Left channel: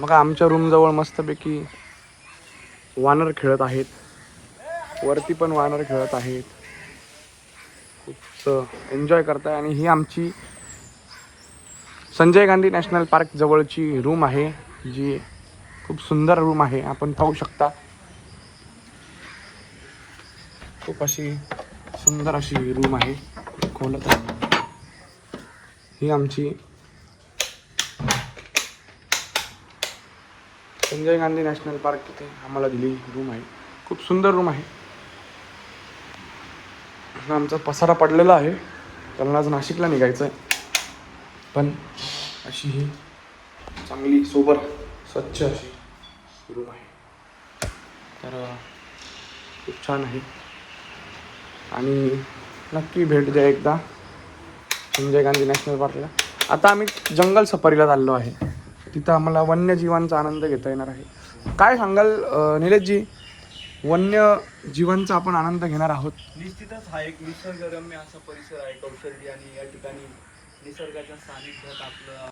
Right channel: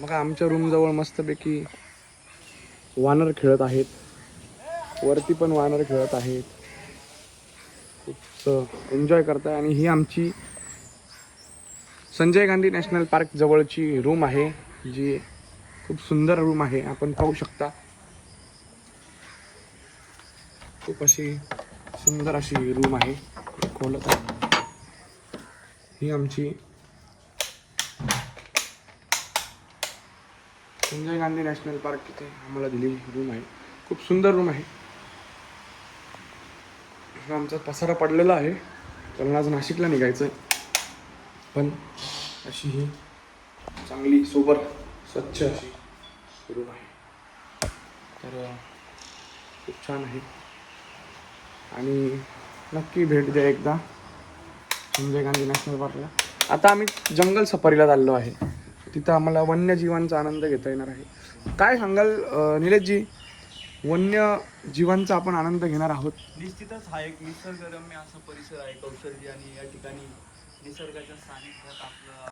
मग आमच्या रूमजवळ मस्तपैकी वानर खेळत आहेत. वरती पण वानर खेळत आहेत. खूप एन्जॉय करताय. आणि ही आमची संजय गांधी नॅशनल पार्क जवळची रूम आहे जी खूप सुंदर रूम आहे. आपण पाहू शकता. खूप अशी सुंदर अशी रूम आहे. खोलत आहे. ही आमची संजय गांधी नॅशनल पार्क तिथे आम्हाला दिली रूम आहे. खूप सुंदर रूम आहे. हा आमचा पसारा पडलेला आहे. कारण आज नाशिकला निघायचं आहे. पण अशी ही चांगली सोबर स्वच्छ अशी रूम आहे. तर खूप छान आहे. आणि नक्की भेट द्या एकदा. संजय गांधी नॅशनल पार्कला. आता आम्ही जंगल सफारीला चाललो आहे. तिथं आम्हाला वन्यजीवांचा आनंद घेता येणार आहे. काय सांगाल निलेशजी? वन्य जीवांचा आपण आनंद घेणार आहोत. निश्चितच हा एक निसर्गरम्य असा परिसर आहे कौशल्य आणि या ठिकाणी निसर्गाच्या सानिध्यात आपलं